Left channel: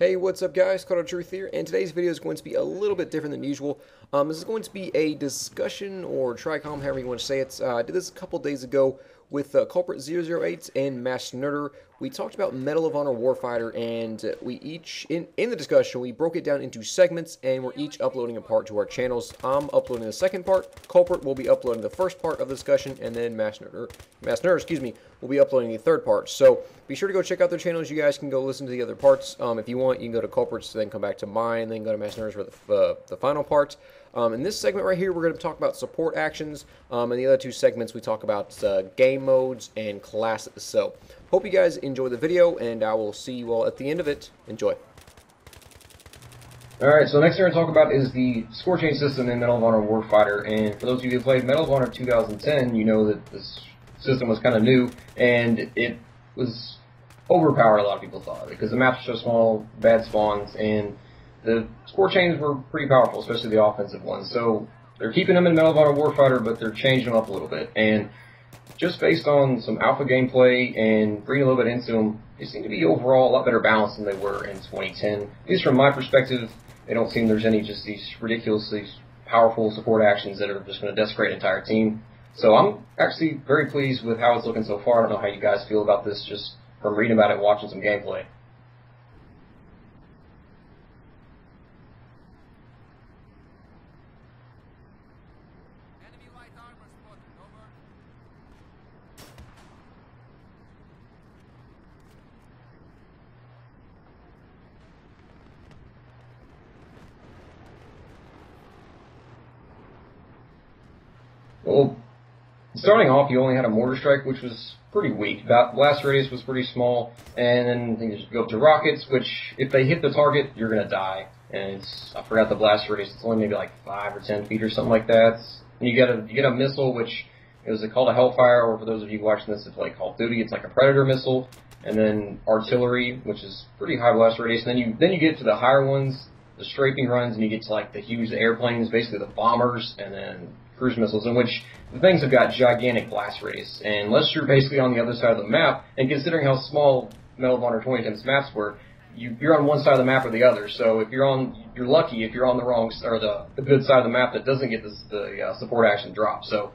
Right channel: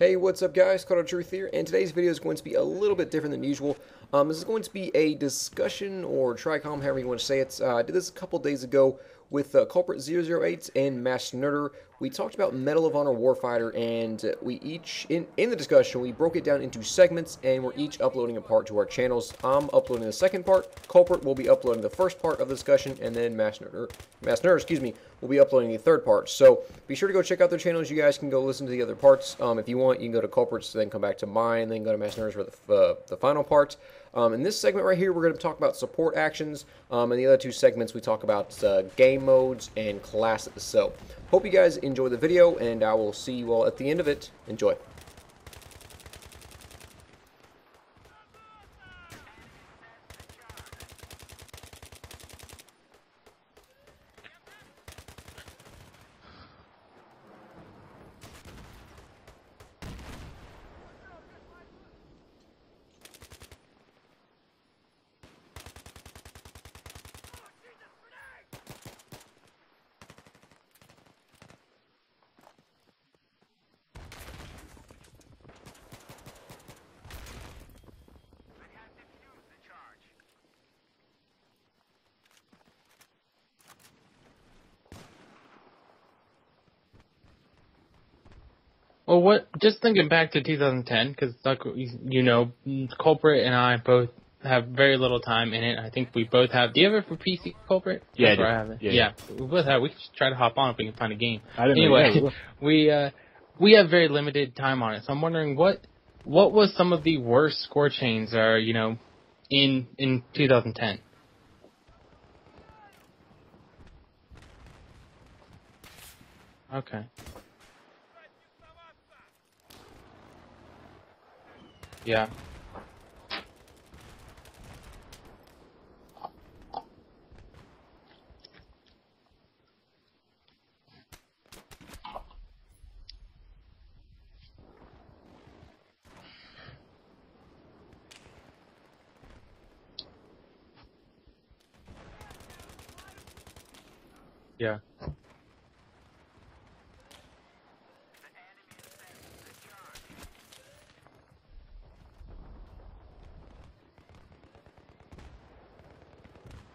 Hey, what's up guys, Kulprit008 here, and today's video is going to be a little bit different than usual. This is going to be a discussion, or TRICOM, however you want to say it. I did this a couple days ago with Kulprit008 and MassNERDerer. We talked about Medal of Honor Warfighter, and we each, in the discussion, we broke it down into segments, and we're each uploading a part to our channels. I'm uploading the second part, Kulprit will be uploading the first part of the discussion, and then MassNERDerer, will be uploading the third part. So be sure to go check out their channels. You guys can go listen to the other parts. If you want, you can go to Kulprit's, then come back to mine, then go to MassNERDerer for the final part. In this segment right here, we're going to talk about support actions. In the other two segments, we talk about game modes and classes. So hope you guys enjoy the video, and I will see you all at the end of it. Enjoy. Alright, so the next thing we're going to talk about is the score change system in Medal of Honor Warfighter. And for those of you who played Medal of Honor 2010, you know that this system was kind of new, and it was overpowered, a lot of people thought, because the maps were so small, bad spawns, and the score chains were pretty powerful, especially the offensive ones. So they're keeping them in Medal of Honor Warfighter, but they're changing them up a little bit. And just based on some alpha gameplay and bringing a little bit into them, they seem to be overall a lot better balanced than they were in 2010. At least from my perspective, they don't seem there's any just these ridiculously powerful support actions that are just going to desecrate an entire team. So I'm actually very pleased with how it's looking so far. I don't know how you guys feel about this just from reading about it and watching some gameplay. Well, just thinking back to 2010, because, you know, Kulprit and I both have very little time in it. I think we both have. Do you have it for PC, Kulprit? Yeah, I have it. Yeah, we both have. We can just try to hop on if we can find a game. Anyway, we have very limited time on it. So I'm wondering what was some of the worst score chains, you know, in 2010. Well, starting off, you only had a mortar strike, which was pretty weak. That blast radius was pretty small, and then you just go up to rockets, which if they hit the target, you're gonna die. And it's, I forgot the blast radius. It's only maybe like 5 or 10 feet or something like that. And you get a missile, which is called a Hellfire, or for those of you watching this, it's like Call of Duty. It's like a Predator missile, and then artillery, which is pretty high blast radius. And then you get to the higher ones, the strafing runs, and you get to like the huge airplanes, basically the bombers, and then cruise missiles, in which the things have got gigantic blast radius. And unless you're basically on the other side of the map, and considering how small Medal of Honor 2010's maps were, you're on one side of the map or the other. So if you're lucky if you're on the wrong or the good side of the map that doesn't get the support action drop. So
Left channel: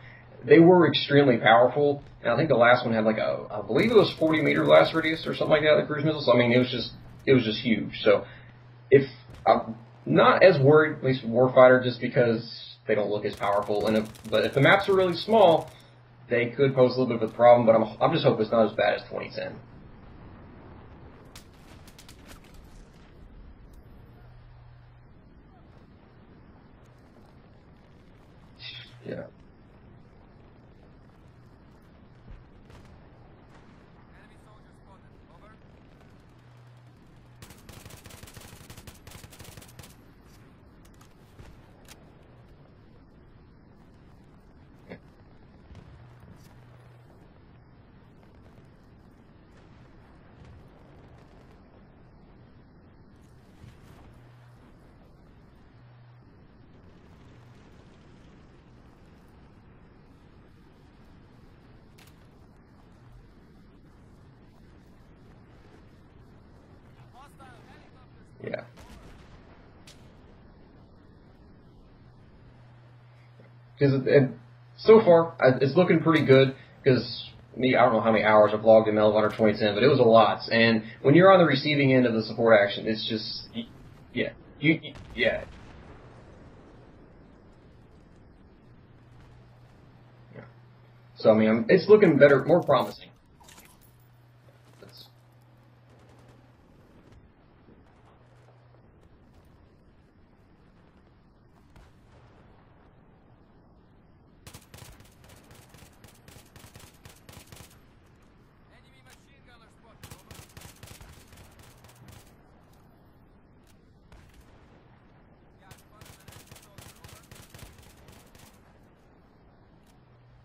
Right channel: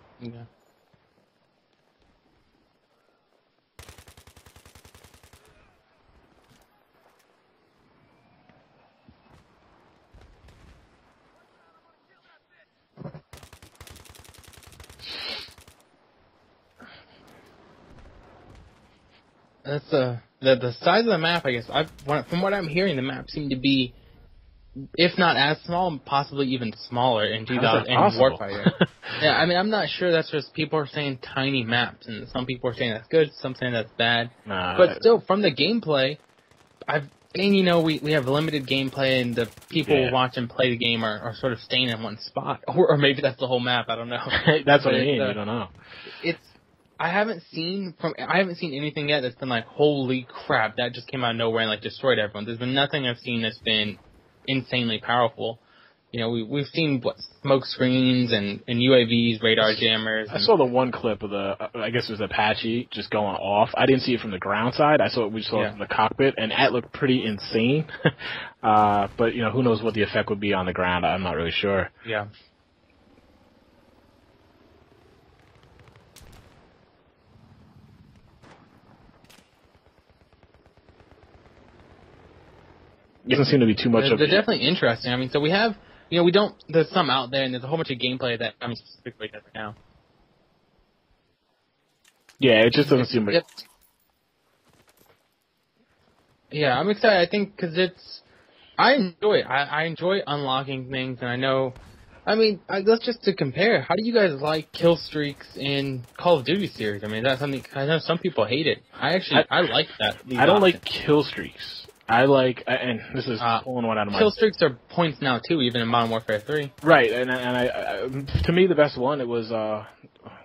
they were extremely powerful. And I think the last one had like I believe it was 40-meter blast radius or something like that, the cruise missiles. So, I mean, it was just huge. So if I'm not as worried, at least with Warfighter, just because they don't look as powerful. But if the maps are really small, they could pose a little bit of a problem. But I'm just hoping it's not as bad as 2010. That's the size of the map. I guess from what I'm hearing, the map seemed to be, if not as small, possibly even smaller in 2000 in Warfighter. Yeah, I mean, I'm not sure. That's just people are saying tiny maps, and some people are saying that's good, some saying that's bad. But still, from the gameplay, and you know, we have limited gameplay, and the people who watch and play the game are sort of staying in one spot, or maybe that's the whole map. I don't know. That's what I mean. You don't know. I haven't seen anything yet that's been like, holy crap, that just came out of nowhere and like destroyed everyone. There's been nothing I've seen that's been insanely powerful. You know, we've seen smoke screens and UAVs, radar jammers. I saw the one clip of I guess it was Apache just going off. I didn't see it from the ground side. We saw it from the cockpit, and that looked pretty insane. But you know, who knows what the effect would be on the ground? I'm not really sure. Yeah. Because so far it's looking pretty good. Because I don't know how many hours I've logged in Medal of Honor 2010, but it was a lot. And when you're on the receiving end of the support action, it's just... It doesn't seem to be too much of it. They're definitely interesting. I mean, so we have, you know, there's some out there, and there's a whole bunch of gameplay that I'm specifically does now. Yeah. So, I mean, it's looking better. Yeah, it just doesn't seem... Yeah, I'm excited, I think, because I enjoy it. I enjoy unlocking things, and I know... I mean, let's just to compare. How do you guys like kill streaks in Call of Duty series? I mean, that's something I know some people hate it. I like that. I don't like kill streaks. I like, and this is pulling one out of my... Kill streaks are points now too, even in Modern Warfare 3. Right, and I to me the best one, it was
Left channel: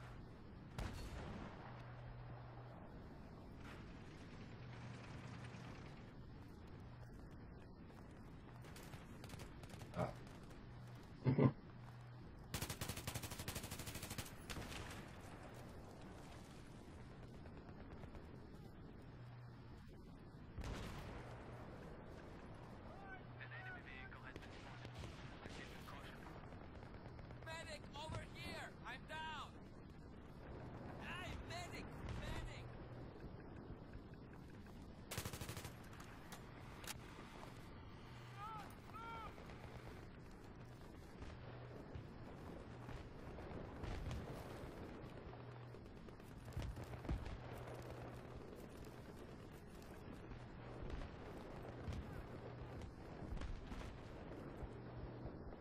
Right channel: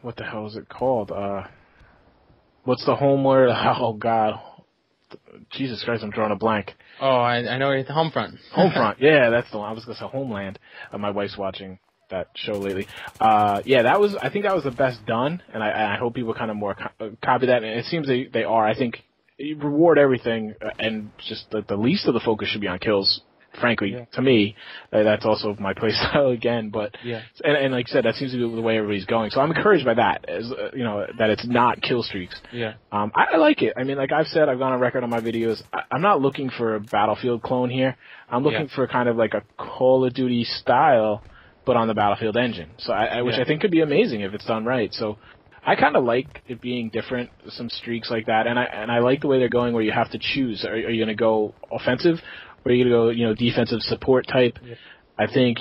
what the hell is it called? What's the Homeward? Oh God, Jesus Christ, I'm drawing a blank. Oh, I know it's Homefront. Homefront, yeah, that's the one. I was going to say Homeland. My wife's watching that show lately. Yeah, I think that was the best done, and I hope people kind of more copy that, and it seems they are. I think you reward everything, and just the least of the focus should be on kills. Frankly, to me, that's also my play style again. But and like I said, that seems to be the way everybody's going. So I'm encouraged by that, as that it's not kill streaks. I like it. I mean, like I've said, I've gone on record on my videos. I'm not looking for a Battlefield clone here. I'm looking for kind of like a Call of Duty style, but on the Battlefield engine. So which I think could be amazing if it's done right. So I kind of like it being different, some streaks like that, and I like the way they're going, where you have to choose. Are you going to go offensive? Or are you going to go, defensive support type? I think,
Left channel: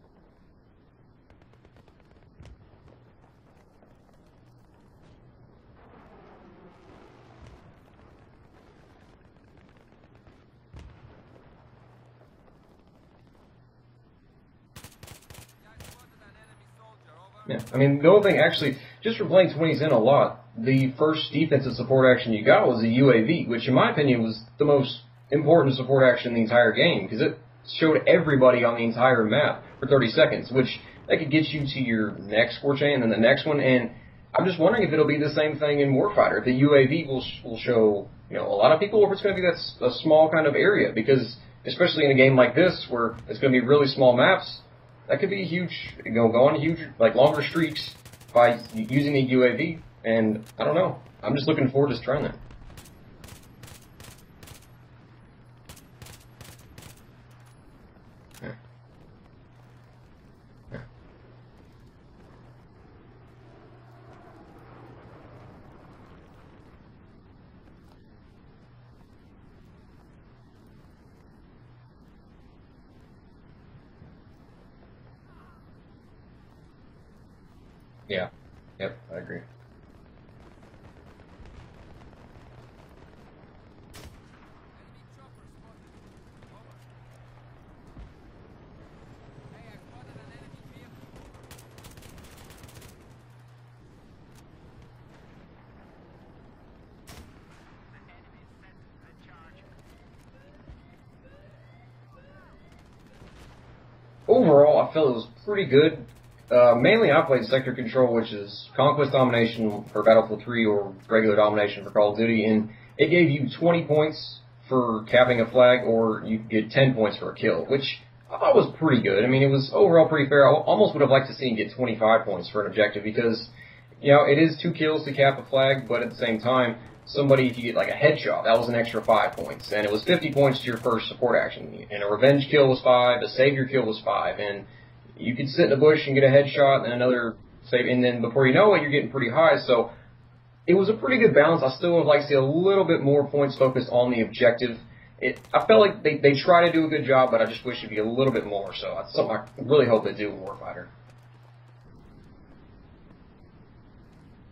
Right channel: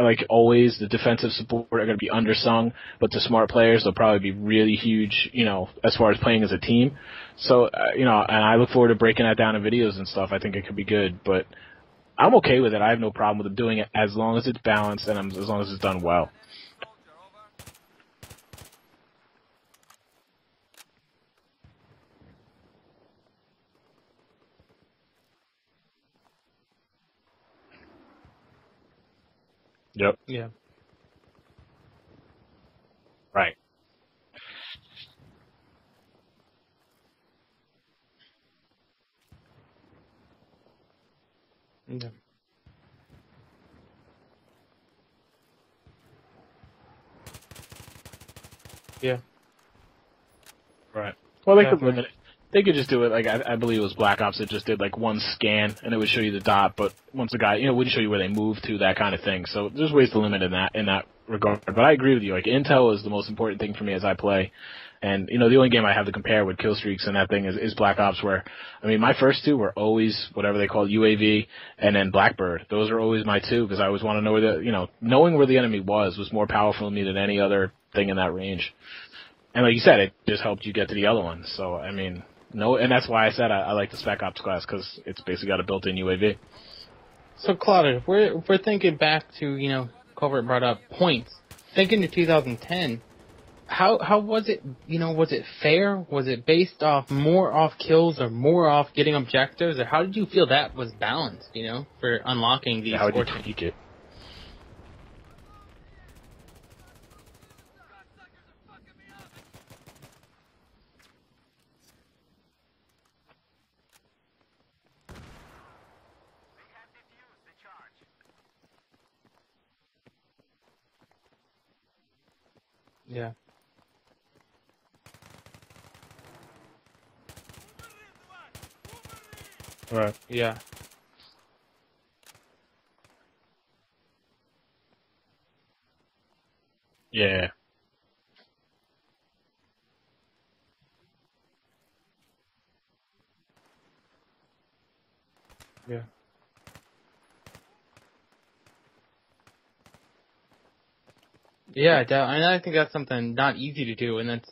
like always, the defensive support are going to be undersung, but the smart players, they'll probably be really huge, as far as playing as a team. So, and I look forward to breaking that down in videos and stuff. I think it could be good, but I'm okay with it. I have no problem with them doing it as long as it's balanced and as long as it's done well. Yeah, I mean, the only thing, actually, just for playing 20s in a lot, the first defensive support action you got was a UAV, which in my opinion was the most important support action in the entire game, because it showed everybody on the entire map for 30 seconds, which that could get you to your next score chain and then the next one. And I'm just wondering if it'll be the same thing in Warfighter. If the UAV will show a lot of people, or if it's going to be that a small kind of area, because especially in a game like this where it's going to be really small maps, that could be a huge, go on huge, like longer streaks by using a UAV. And I don't know. I'm just looking forward to trying that. They could just do it like I believe it was Black Ops that just did like one scan and it would show you the dot, but once the guy wouldn't show you where they moved to, that kind of thing. So there's ways to limit in that regard. But I agree with you. Like intel is the most important thing for me as I play. And the only game I have to compare with kill streaks and that thing is Black Ops, where I mean my first two were always whatever they call UAV and then Blackbird. Those are always my two, because I always want to know where knowing where the enemy was more powerful to me than any other thing in that range. Yep, I agree. And like you said, it just helped you get to the other ones. So I mean, and that's why I said I like the Spec Ops class, because it's basically got a built-in UAV. So Claudia, we're thinking back to Kulprit brought up points. Thinking to 2010. How was it, was it fair? Was it based more off kills or more off getting objectives? Or how did you feel that was balanced, for unlocking these How did you tweak it? Overall, I felt it was pretty good. Mainly I played Sector Control, which is Conquest Domination for Battlefield 3 or regular Domination for Call of Duty, and it gave you 20 points for capping a flag, or you could get 10 points for a kill, which I thought was pretty good. I mean, it was overall pretty fair. I almost would have liked to see him get 25 points for an objective, because it is 2 kills to cap a flag, but at the same time, if you get like a headshot, that was an extra 5 points, and it was 50 points to your first support action. And a revenge kill was 5, a savior kill was 5, and you could sit in a bush and get a headshot and another save, and then before you know it, you're getting pretty high. So it was a pretty good balance. I still would like to see a little bit more points focused on the objective. I felt like they try to do a good job, but I just wish it'd be a little bit more. So that's something I really hope they do in Warfighter. Yeah, and I think that's something not easy to do, and that's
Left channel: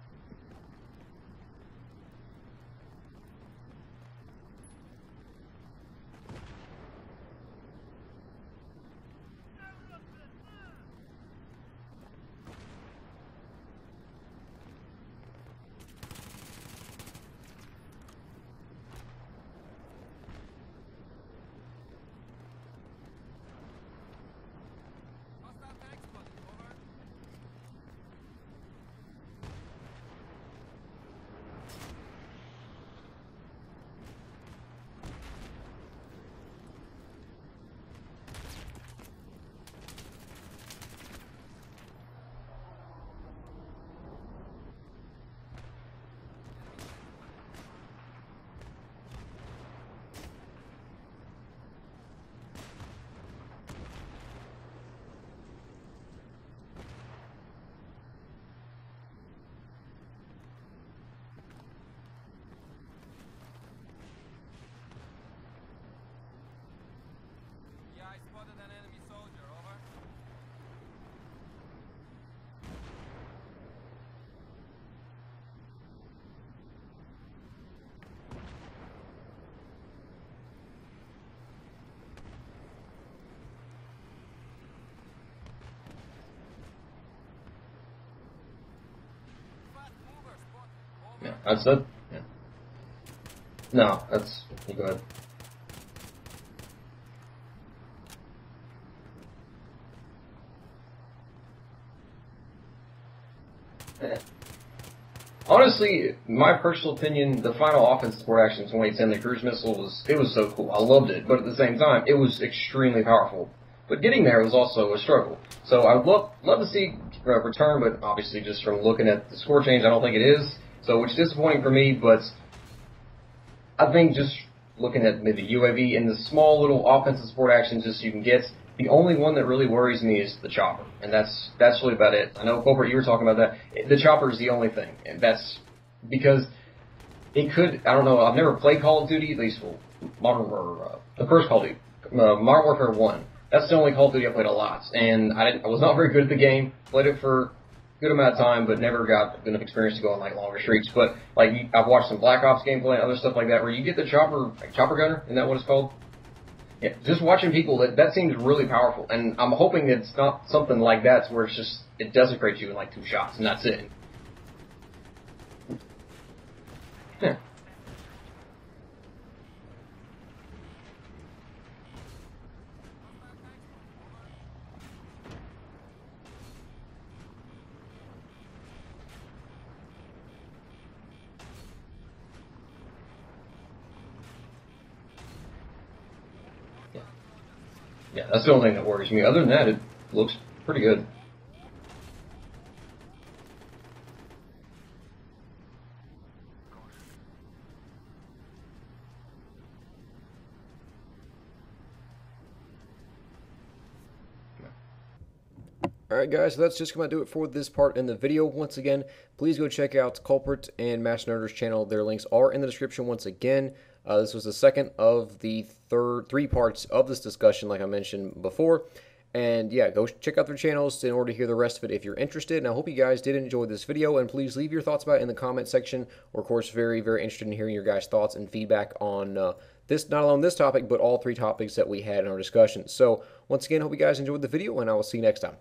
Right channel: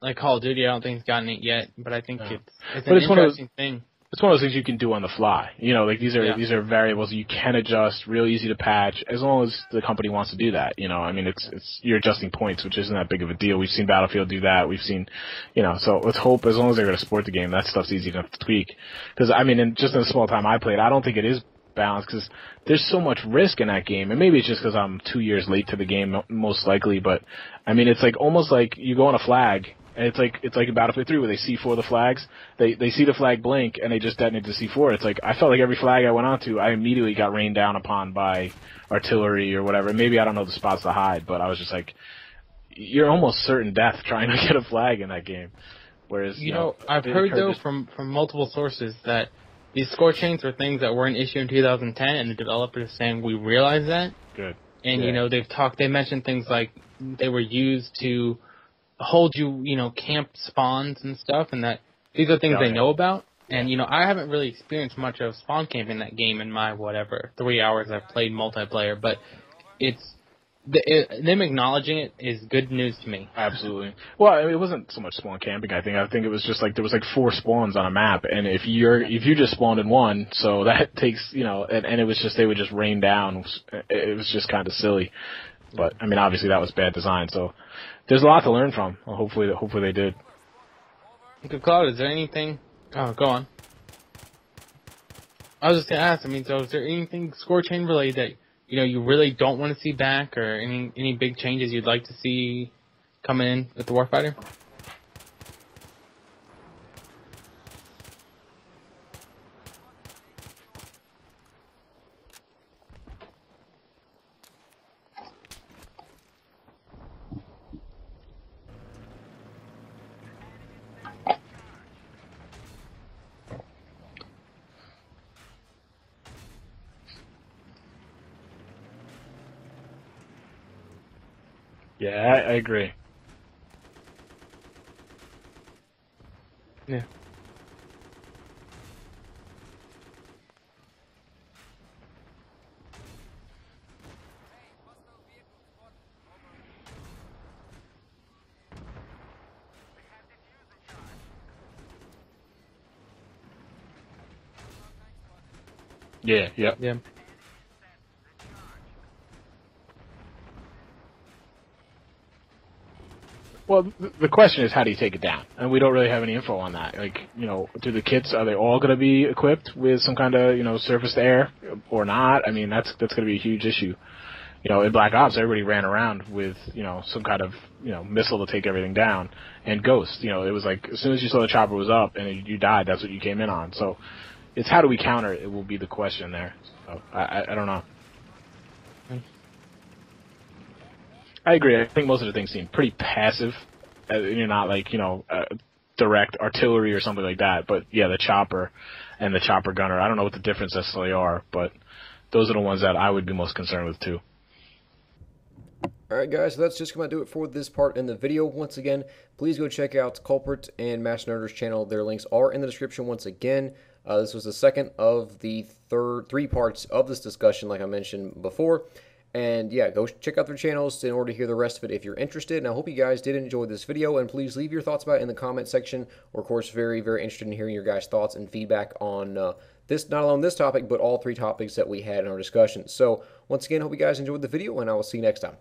like Call of Duty. I don't think it's gotten it yet, but I think it's an interesting thing. It's one of those things you can do on the fly. Like these are variables you can adjust, real easy to patch, as long as the company wants to do that. I mean, it's you're adjusting points, which isn't that big of a deal. We've seen Battlefield do that. We've seen, so let's hope as long as they're going to support the game, that stuff's easy enough to tweak. Because I mean, just in the small time I played, I don't think it is balanced, because there's so much risk in that game, and maybe it's just because I'm 2 years late to the game, most likely. But I mean, it's like almost like you go on a flag. And it's like in Battlefield 3 where they C4 the flags. They see the flag blink and they just detonate the C4. It's like I felt like every flag I went onto, I immediately got rained down upon by artillery or whatever. Maybe I don't know the spots to hide, but I was just like, you're almost certain death trying to get a flag in that game. Whereas I've heard though from multiple sources that these score chains are things that were an issue in 2010, and the developers are saying we realize that. Good. And they mentioned things like they were used to hold you, camp spawns and stuff, and that these are things they know about. And, I haven't really experienced much of spawn camping in that game in my, 3 hours I've played multiplayer, but them acknowledging it is good news to me. Absolutely. Well, I mean, it wasn't so much spawn camping, I think it was just like, there was like 4 spawns on a map, and if you just spawned in one, so that takes, and it was just, they would just rain down. It was just kind of silly. But, I mean, obviously that was bad design, so there's a lot to learn from. Well, hopefully they did. Yeah, Claude, is there anything? Oh, go on. No, you go ahead. I was just gonna ask. I mean, so is there anything score chain related that you really don't want to see back, or any big changes you'd like to see coming in with the Warfighter? Honestly, my personal opinion, the final offensive support action 2010, the cruise missile, was so cool. I loved it, but at the same time, it was extremely powerful. But getting there was also a struggle. So I would love to see return, but obviously just from looking at the score change, I don't think it is. So which is disappointing for me, but I think just looking at maybe UAV and the small little offensive support actions just you can get, the only one that really worries me is the chopper, and that's really about it. I know, Kulprit, you were talking about that. The chopper is the only thing, and that's because it could. I don't know. I've never played Call of Duty, at least the first Call of Duty, Modern Warfare 1. That's the only Call of Duty I played a lot, and I was not very good at the game. Played it for a good amount of time, but never got enough experience to go on like longer streaks. But like I've watched some Black Ops gameplay and other stuff like that, where you get the chopper gunner. Isn't that what it's called? Yeah. Just watching people, that seems really powerful, and I'm hoping it's not something like that where it desecrates you in like 2 shots, and that's it. Well, the question is, how do you take it down? And we don't really have any info on that. Like, do the kits, are they all going to be equipped with some kind of, surface to air or not? I mean, that's going to be a huge issue. In Black Ops, everybody ran around with, some kind of, missile to take everything down. And Ghost, it was like, as soon as you saw the chopper was up and you died, that's what you came in on. So it's how do we counter it will be the question there. So I don't know. Yeah, that's the only thing that worries me. Other than that, it looks pretty good. I agree. I think most of the things seem pretty passive. You're not like, direct artillery or something like that. But, yeah, the chopper and the chopper gunner, I don't know what the difference necessarily are, but those are the ones that I would be most concerned with, too. Alright guys, so that's just going to do it for this part in the video. Once again, please go check out Kulprit and MassNERDerer's channel. Their links are in the description once again. This was the second of the 3 parts of this discussion, like I mentioned before. And yeah, go check out their channels in order to hear the rest of it if you're interested. And I hope you guys did enjoy this video, and please leave your thoughts about it in the comment section. We're, of course, very, very interested in hearing your guys' thoughts and feedback on this, not only this topic, but all 3 topics that we had in our discussion. So once again, hope you guys enjoyed the video, and I will see you next time.